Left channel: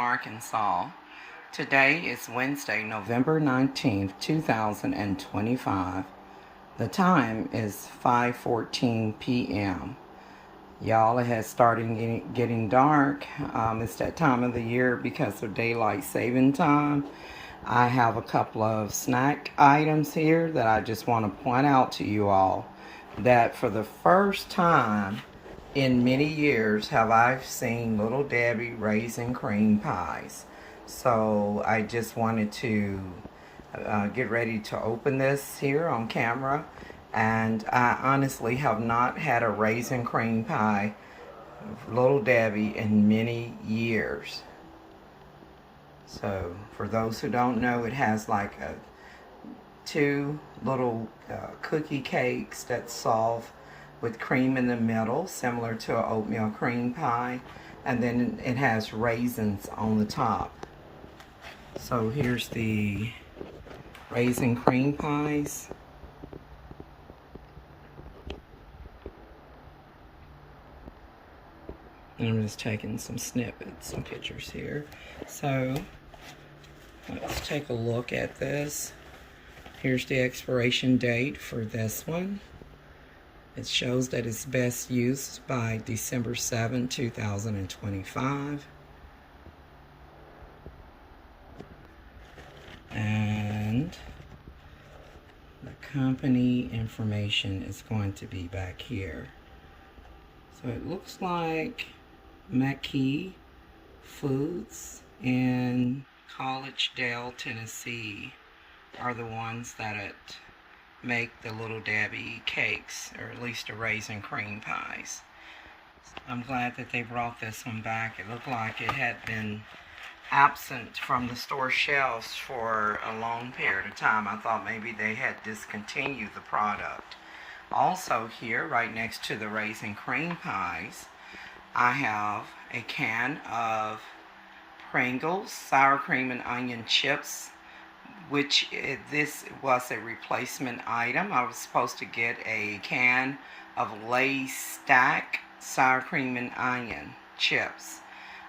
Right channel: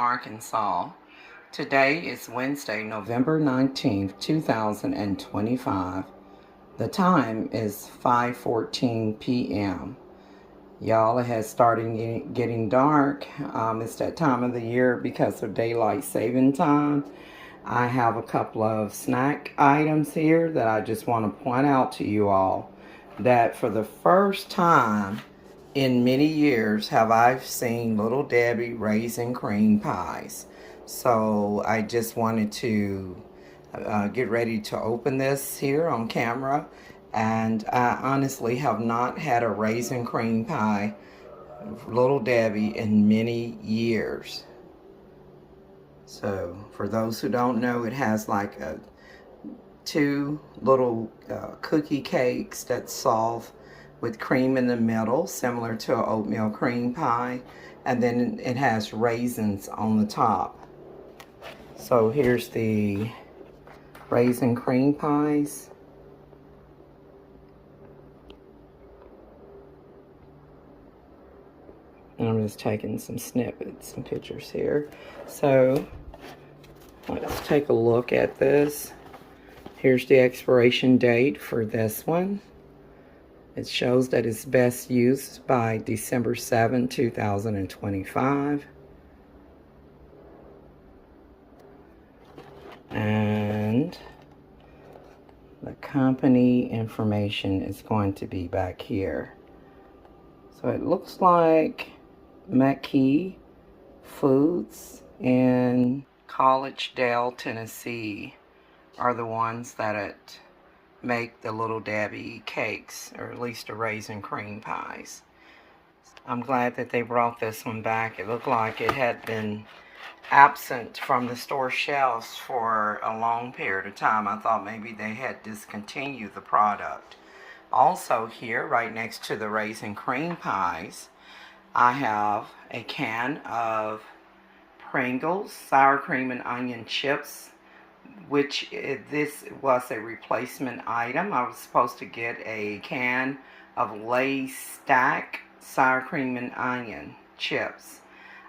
Arkansas. Today is Wednesday, November 19th, 2025. The time is 5:14 p.m. Y'all, it has started getting dark. It's that time of the year because of daylight saving time. I have a couple of snack items here that I just want to point out to you all that for the first time in many years have I seen Little Debbie Raisin cream pies. So I just wanted to get ready to open this here on camera. And I honestly have not had a raisin cream pie, Little Debbie, in many years. So for those who don't know, it has like two little cookie cakes that's soft with cream in the middle, similar to an oatmeal cream pie, and then it has raisins on the top. So here's the raisin cream pies. And I'm just taking some snippets, some pictures here. So let's take a look at this. Here's the expiration date for this one. It shows that it's best used by December 7, 2025. And the company information is going to be back here. So it looks like McKee Foods in Collegedale, Tennessee are the ones that make the Little Debbie cakes, or at least the raisin cream pies. I'm glad that they brought this one back. It looked like it had been absent from the store shelves for a long period of time. I thought maybe they had discontinued the product. Also here, right next to the raisin cream pies, I have a can of Pringles sour cream and onion chips, which this was a replacement item. I was supposed to get a can of Lay's Stax sour cream and onion chips.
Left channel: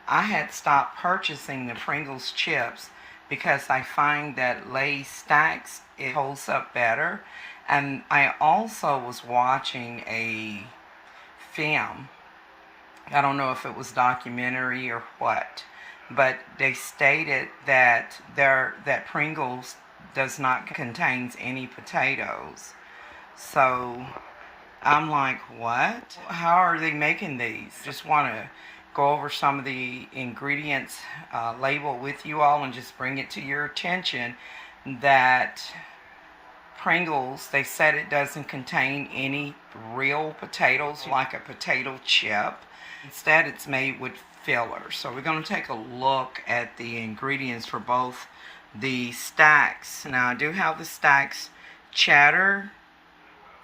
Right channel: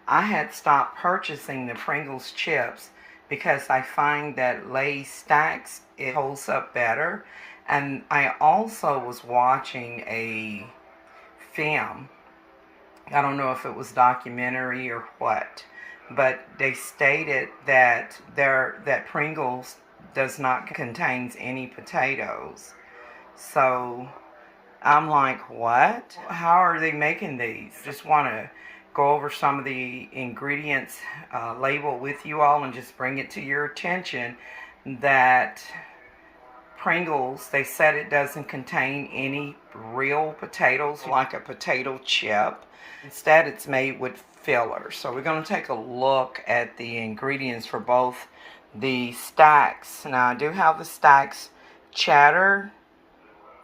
I had stopped purchasing the Pringles chips because I find that Lay's Stax, it holds up better. And I also was watching a film. I don't know if it was documentary or what, but they stated that that Pringles does not contain any potatoes. So I'm like, what? How are they making these? Just want to go over some of the ingredients label with you all and just bring it to your attention that Pringles, they said it doesn't contain any real potatoes like a potato chip. Instead, it's made with filler. So we're going to take a look at the ingredients for both the Stax. Now, I do have the Stax cheddar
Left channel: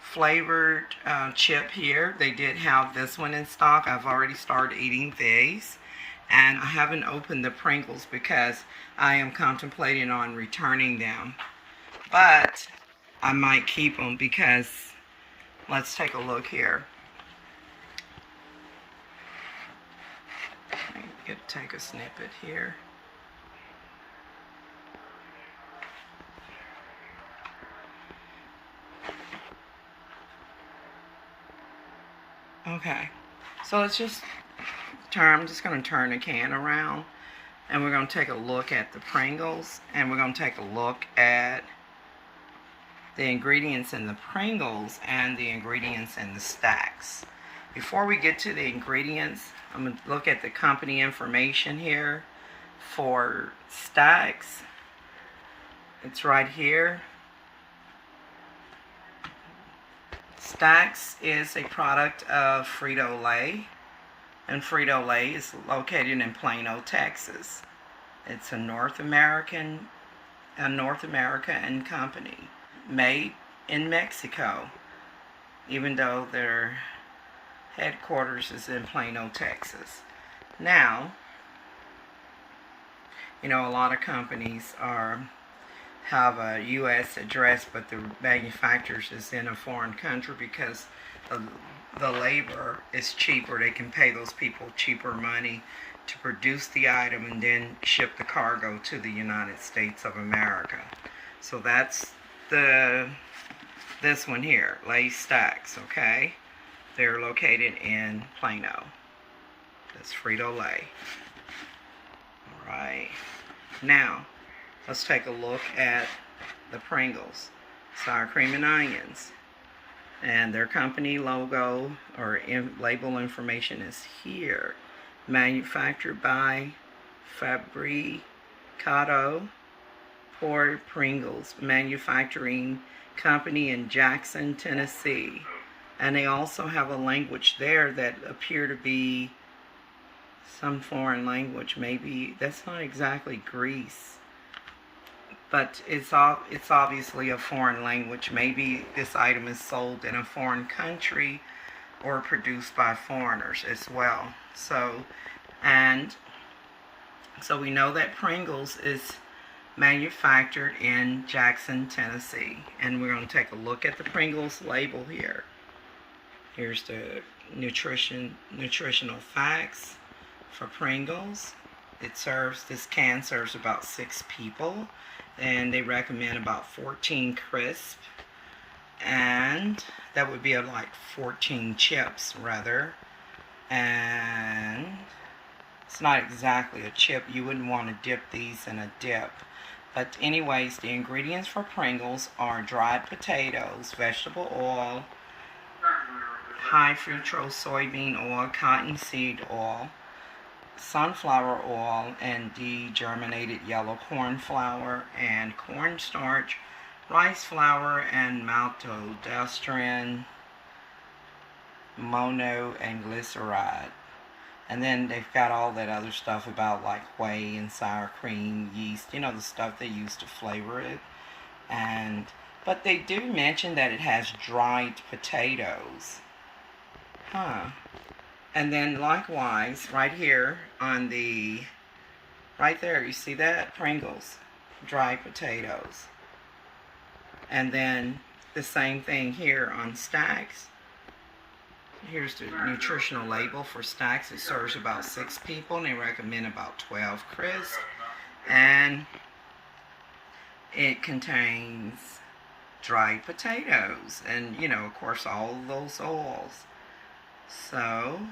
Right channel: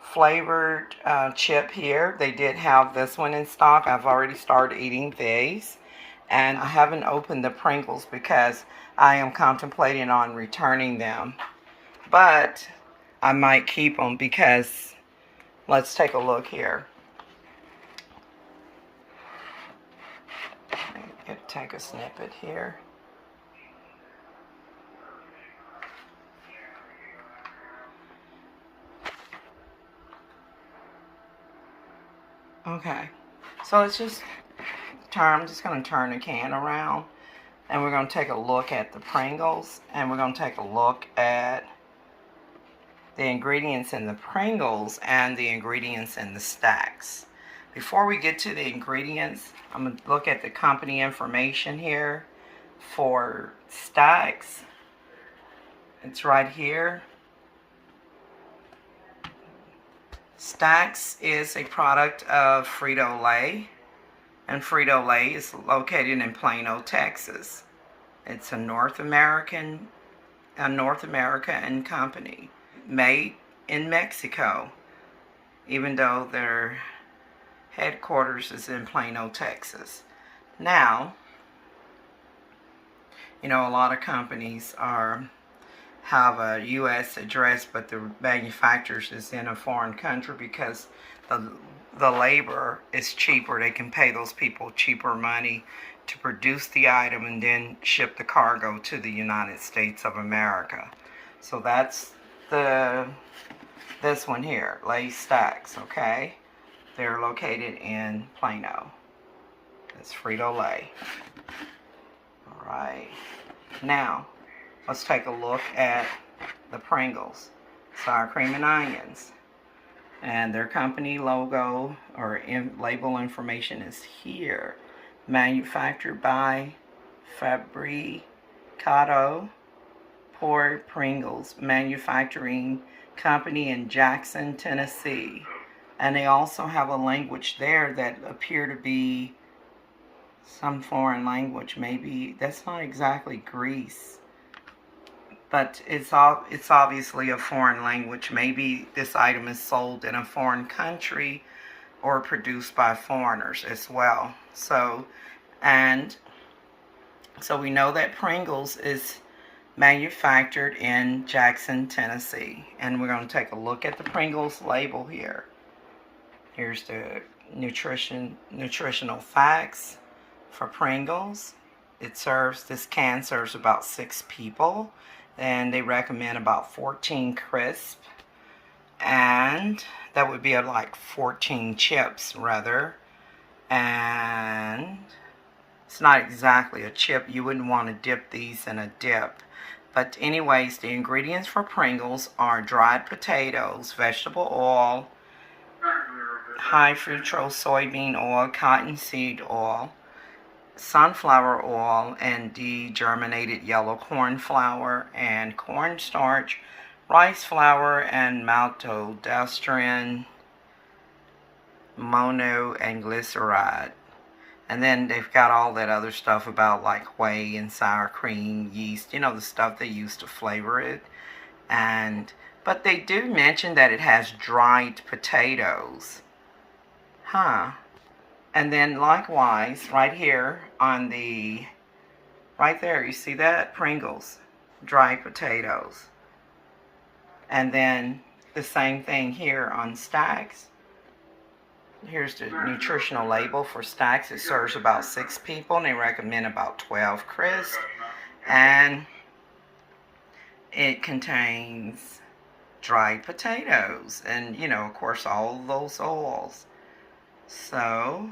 flavored chip here. They did have this one in stock. I've already started eating these. And I haven't opened the Pringles because I am contemplating on returning them. But I might keep them because let's take a look here. Take a snippet here. Okay, so let's just I'm just going to turn the can around and we're going to take a look at the Pringles, and we're going to take a look at the ingredients in the Pringles and the ingredients in the Stax. Before we get to the ingredients, I'm going to look at the company information here for Stax. It's right here. Stax is a product of Frito-Lay, and Frito-Lay is located in Plano, Texas. It's a North American company made in Mexico, even though their headquarters is in Plano, Texas. Now, you know, a lot of companies have a U.S. address, but the manufacturers is in a foreign country because the labor is cheaper. They can pay those people cheaper money to produce the item and then ship the cargo to the United States of America. So that's this one here, Lay's Stax, okay? They're located in Plano. That's Frito-Lay. All right. Now, let's take a look at the Pringles, sour cream and onions. And their company logo or label information is here. Manufactured by Fabricato por Pringles Manufacturing Company in Jackson, Tennessee. And they also have a language there that appear to be some foreign language. Maybe that's not exactly Greece, but it's obviously a foreign language. Maybe this item is sold in a foreign country or produced by foreigners as well. So we know that Pringles is manufactured in Jackson, Tennessee. And we're going to take a look at the Pringles label here. Here's the nutritional facts for Pringles. This can serves about 6 people, and they recommend about 14 crisp, and that would be like 14 chips rather. And it's not exactly a chip. You wouldn't want to dip these in a dip. But anyways, the ingredients for Pringles are dried potatoes, vegetable oil, high fructose soybean oil, cottonseed oil, sunflower oil, and degerminated yellow corn flour, and cornstarch, rice flour, and maltodextrin, mono, and glyceride. And then they've got all that other stuff about like whey and sour cream, yeast, you know, the stuff they use to flavor it. But they do mention that it has dried potatoes. And then likewise, right here on right there, you see that? Pringles, dried potatoes. And then the same thing here on Stax. Here's the nutritional label for Stax. It serves about 6 people, and they recommend about 12 crisp. And it contains dried potatoes and, you know, of course, all of those oils. So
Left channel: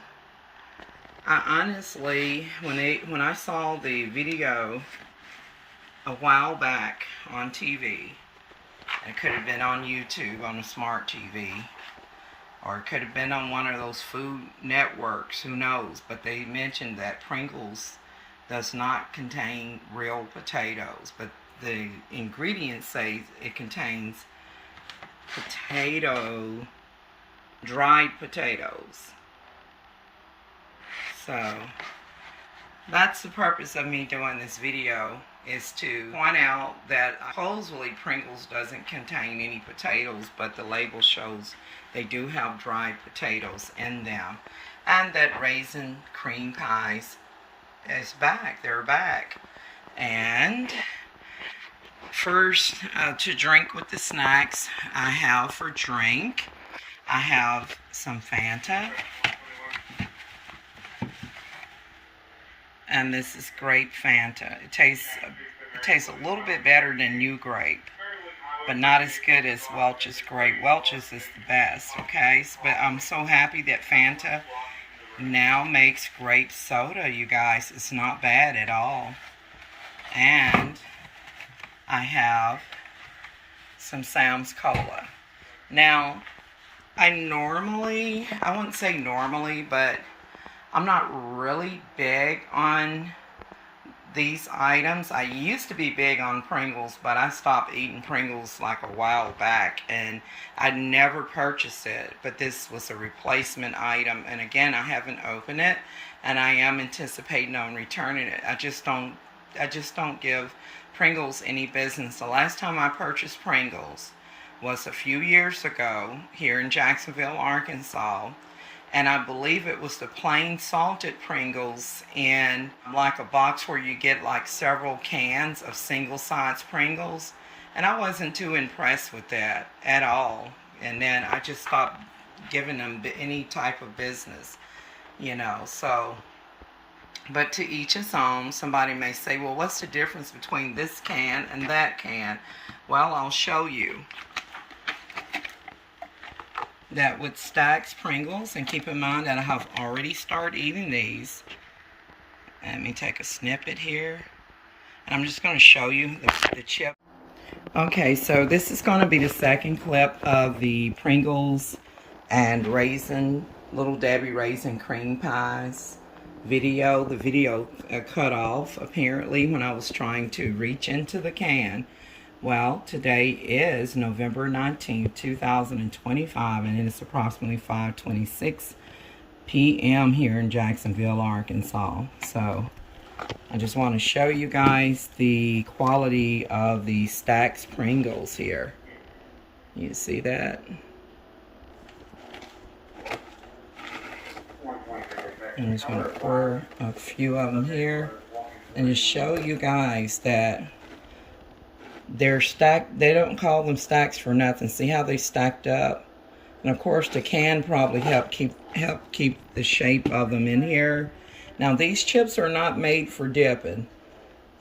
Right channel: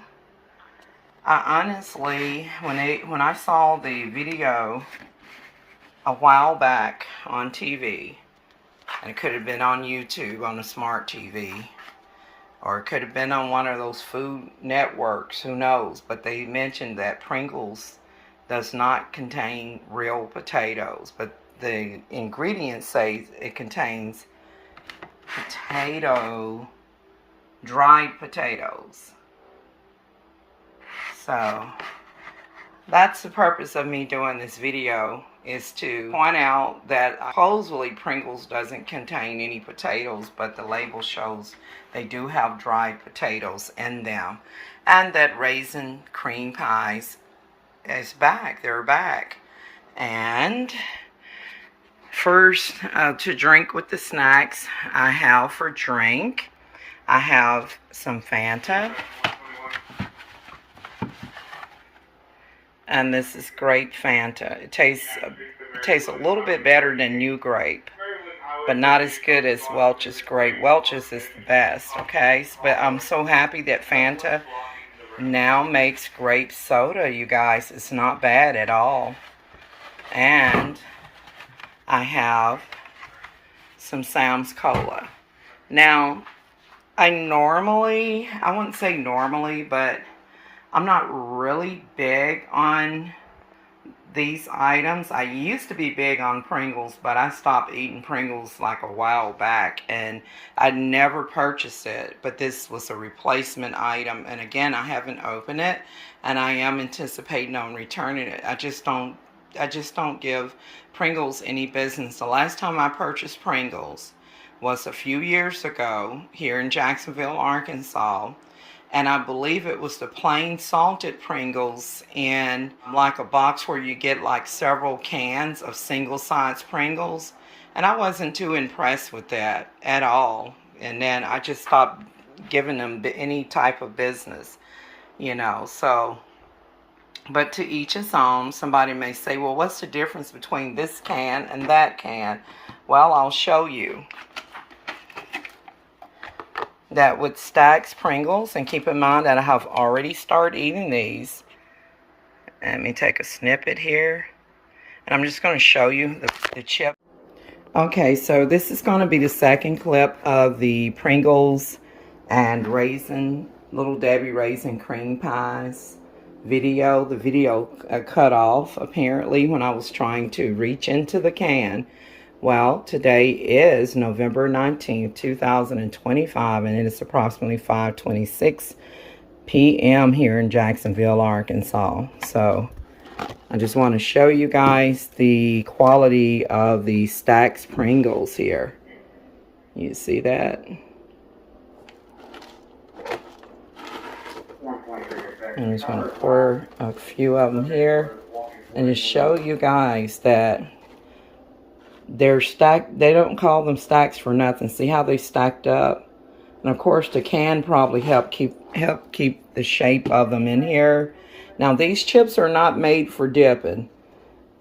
I honestly, when I saw the video a while back on TV, and it could have been on YouTube on a smart TV, or it could have been on one of those food networks, who knows, but they mentioned that Pringles does not contain real potatoes, but the ingredients say it contains dried potatoes. So that's the purpose of me doing this video, is to point out that supposedly Pringles doesn't contain any potatoes, but the label shows they do have dried potatoes in them. And that Raisin cream pies is back. They're back. And first, to drink with the snacks, I have for drink, I have some Fanta. And this is grape Fanta. It tastes a little bit better than New Grape, but not as good as Welch's Grape. Welch's is the best, okay? But I'm so happy that Fanta now makes grape soda, you guys. It's not bad at all. And I have some Sam's Cola. Now, I wouldn't say normally, but I'm not really big on these items. I used to be big on Pringles, but I stopped eating Pringles like a while back, and I never purchased it. But this was a replacement item, and again, I haven't opened it, and I am anticipating on returning it. I just don't give Pringles any business. The last time I purchased Pringles was a few years ago here in Jacksonville, Arkansas. And I believe it was the plain salted Pringles in like a box where you get like several cans of single size Pringles. And I wasn't too impressed with that at all. And then I just stopped giving them any type of business, you know. So But to each his own. Somebody may say, well, what's the difference between this can and that can? Well, I'll show you. That with Stax Pringles, and keep in mind that I have already started eating these. Let me take a snippet here. And I'm just going to show you the chip. Okay, so this is going to be the second clip of the Pringles and Raisin, Little Debbie Raisin Cream Pies video. The video cut off, apparently, when I was trying to reach into the can. Well, today is November 19th, 2025, and it is approximately 5:26 p.m. here in Jacksonville, Arkansas. So I just want to show you guys the quality of the Stax Pringles here. You see that? I'm just going to pour a few of them here and just show you guys that they're stacked. They don't call them stacks for nothing. See how they stacked up? And of course the can probably help keep the shape of them in here. Now these chips are not made for dipping.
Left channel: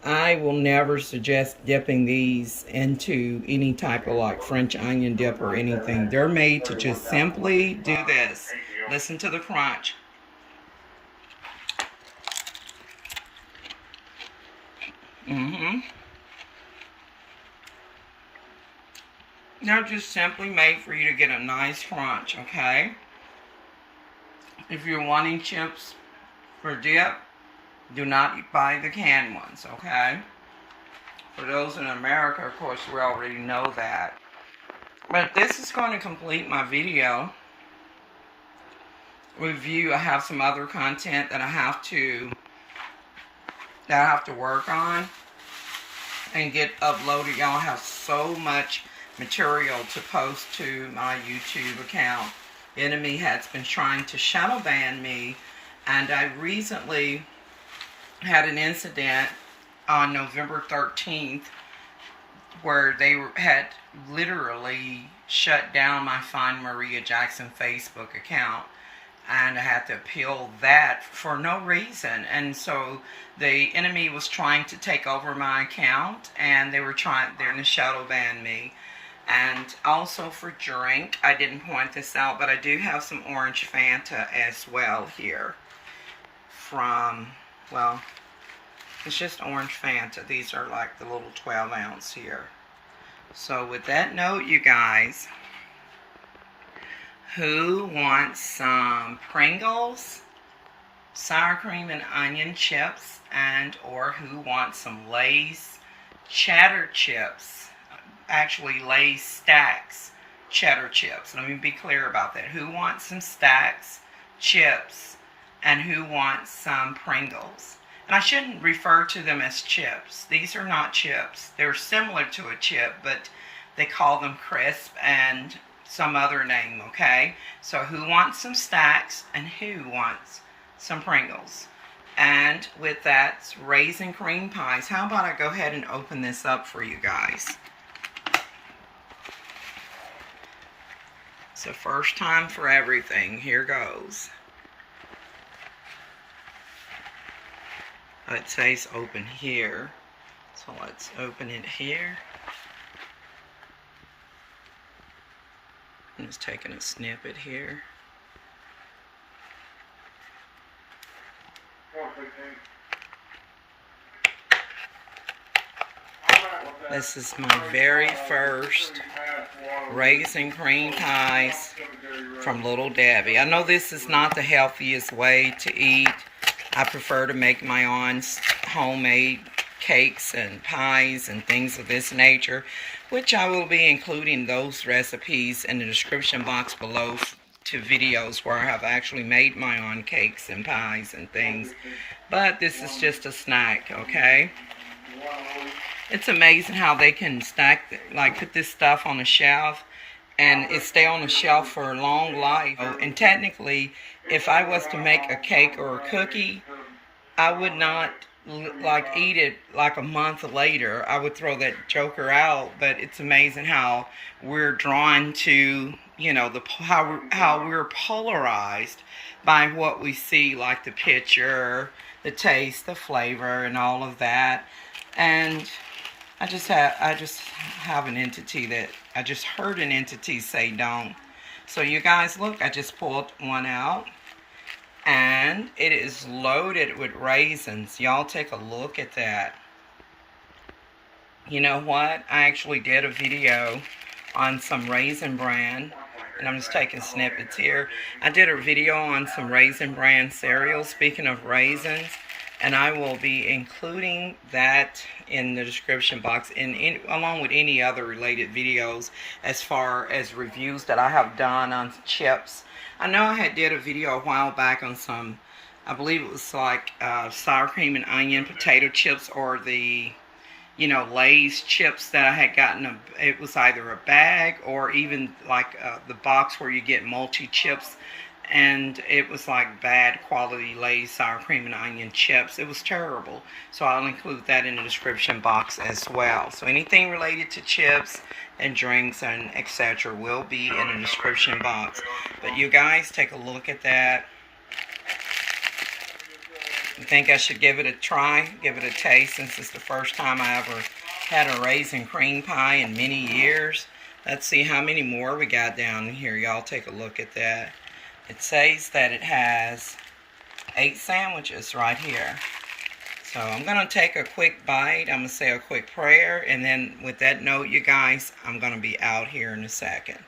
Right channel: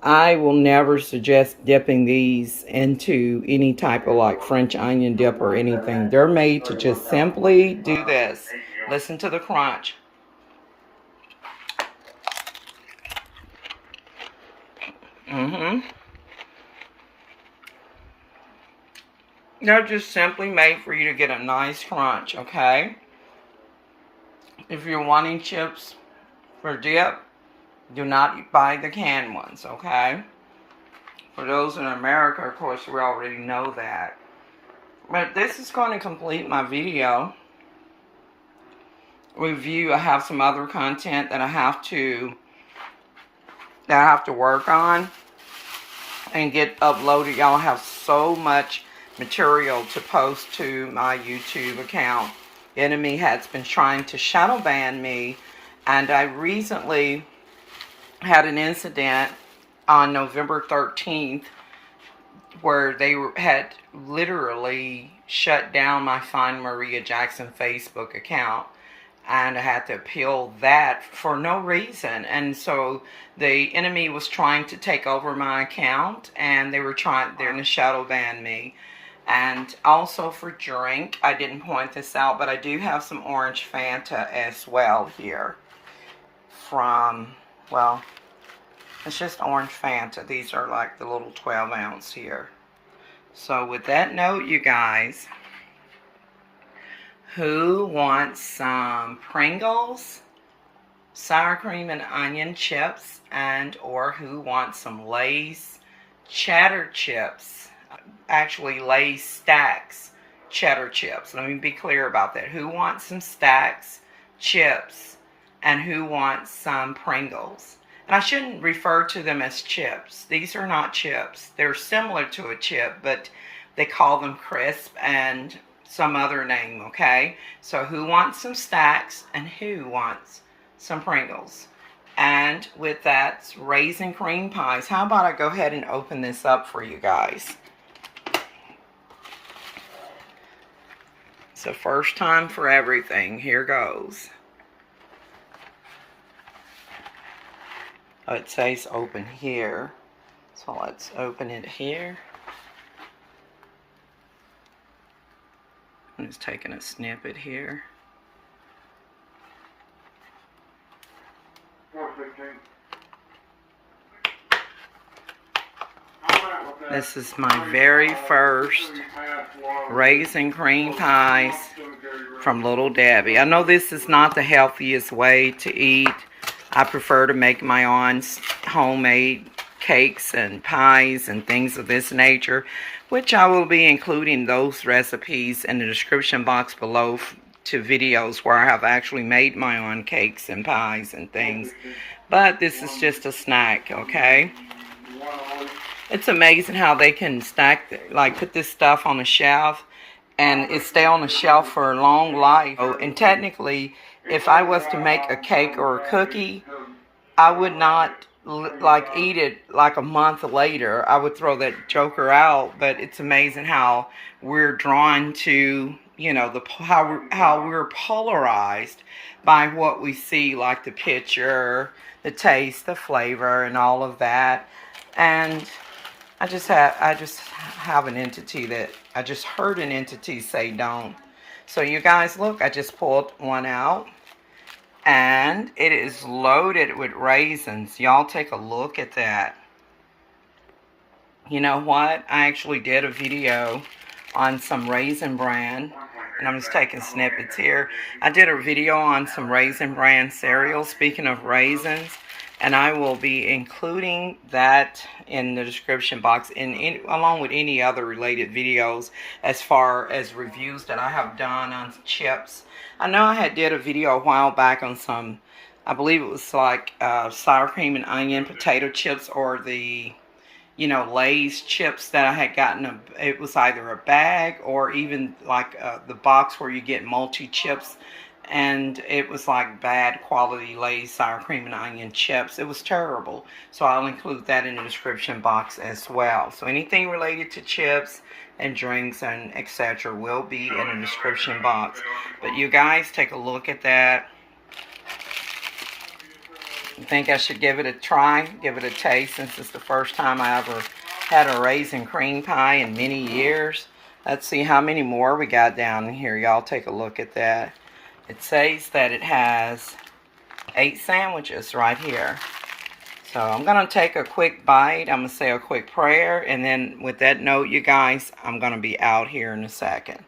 I will never suggest dipping these into any type of like French onion dip or anything. They're made to just simply do this. Listen to the crunch. They're just simply made for you to get a nice crunch, okay? If you're wanting chips for dip, do not buy the canned ones, okay? For those in America, of course, we already know that. But this is going to complete my video review. I have some other content that I have to work on and get uploaded. Y'all have so much material to post to my YouTube account. The enemy has been trying to shadow ban me, and I recently had an incident on November 13th where they had literally shut down my Find Maria Jackson Facebook account, and I had to appeal that for no reason. And so the enemy was trying to take over my account, and they're going to shadow ban me. And also for drink, I didn't point this out, but I do have some orange Fanta as well here from, well, it's just orange Fanta. These are like the little 12 ounce here. So with that note, you guys, who wants some Pringles, sour cream and onion chips, and or who wants some Lay's cheddar chips? Actually, Lay's Stax cheddar chips. Let me be clear about that. Who wants some Stax chips and who wants some Pringles? And I shouldn't refer to them as chips. These are not chips. They're similar to a chip, but they call them crisp and some other name, okay? So who wants some Stax and who wants some Pringles? And with that, Raisin Cream Pies. How about I go ahead and open this up for you guys? So first time for everything. Here goes. Oh, it says open here. So let's open it here. I'm just taking a snippet here. This is my very first Raisin Cream Pies from Little Debbie. I know this is not the healthiest way to eat. I prefer to make my own homemade cakes and pies and things of this nature, which I will be including those recipes in the description box below to videos where I have actually made my own cakes and pies and things. But this is just a snack, okay? It's amazing how they can stack, like put this stuff on a shelf and it stay on the shelf for a long life. And technically, if I was to make a cake or a cookie, I would not like eat it like a month later. I would throw that joker out. But it's amazing how we're drawn to, you know, how we're polarized by what we see, like the picture, the taste, the flavor, and all of that. And I just have an entity that I just heard an entity say don't. So you guys, look, I just pulled one out, and it is loaded with raisins. Y'all take a look at that. You know what? I actually did a video on some Raisin brand, and I'm just taking snippets here. I did a video on some Raisin brand cereal, speaking of raisins, and I will be including that in the description box, along with any other related videos as far as reviews that I have done on chips. I know I did a video a while back on some, I believe it was like sour cream and onion potato chips, or the Lay's chips that I had gotten. It was either a bag or even like the box where you get multi-chips, and it was like bad quality Lay's sour cream and onion chips. It was terrible. So I'll include that in the description box as well. So anything related to chips and drinks and etc. will be in the description box. But you guys take a look at that. I think I should give it a try, give it a taste, since it's the first time I ever had a raisin cream pie in many years. Let's see how many more we got down here. Y'all take a look at that. It says that it has 8 sandwiches right here. So I'm going to take a quick bite. I'm going to say a quick prayer. And then with that note, you guys, I'm going to be out here in a second.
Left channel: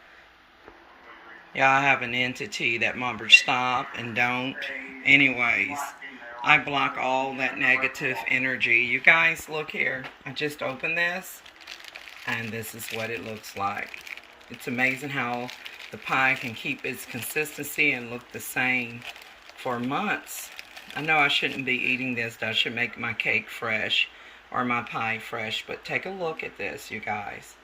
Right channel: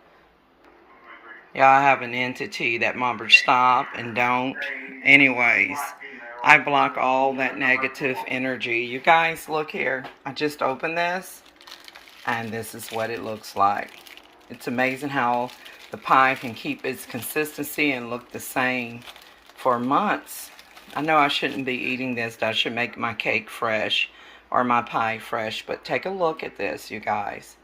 Yeah, I have an entity that mumbles stop and don't. Anyways, I block all that negative energy. You guys, look here. I just opened this, and this is what it looks like. It's amazing how the pie can keep its consistency and look the same for months. I know I shouldn't be eating this. I should make my cake fresh or my pie fresh, but take a look at this, you guys.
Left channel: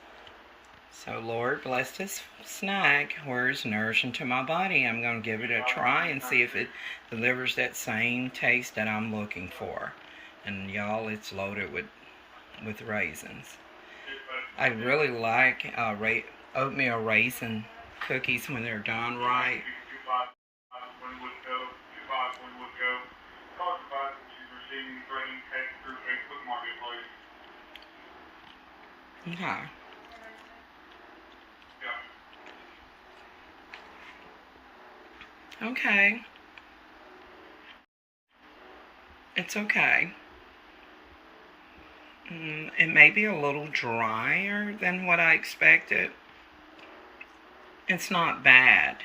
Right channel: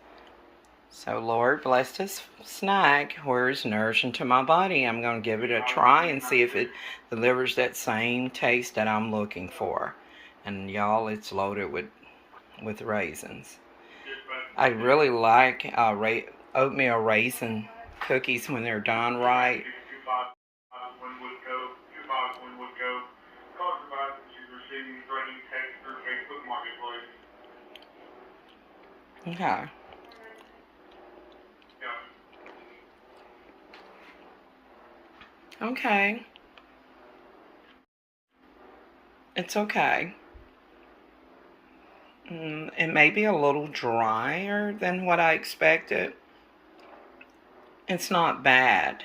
So, Lord, bless this snack where it's nourishing to my body. I'm going to give it a try and see if it delivers that same taste that I'm looking for. And, y'all, it's loaded with raisins. I really like oatmeal raisin cookies when they're done right. Okay. Okay. It's okay. It may be a little drier than what I expected. It's not bad.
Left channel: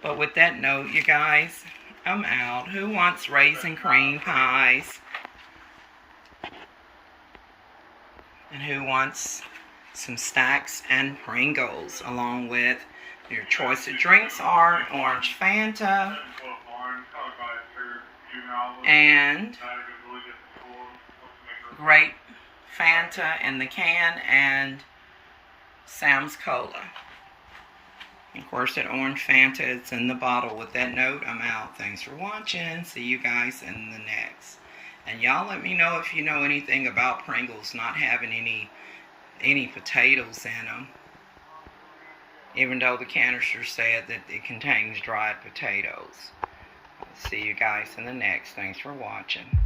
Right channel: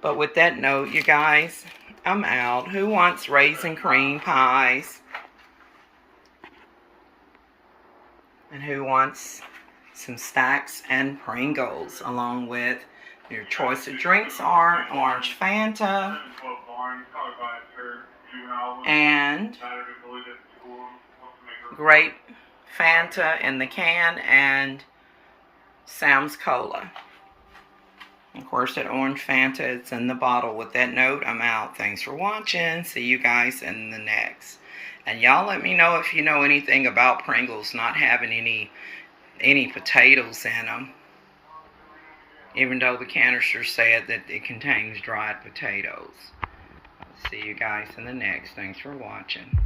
But with that note, you guys, I'm out. Who wants raisin cream pies? And who wants some Stax and Pringles, along with your choice of drinks are orange Fanta and grape Fanta in the can and Sam's Cola. Of course, that orange Fanta is in the bottle. With that note, I'm out. Thanks for watching. See you guys in the next. And y'all let me know if you know anything about Pringles not having any potatoes in them. Even though the canister said that it contains dried potatoes. I'll see you guys in the next. Thanks for watching.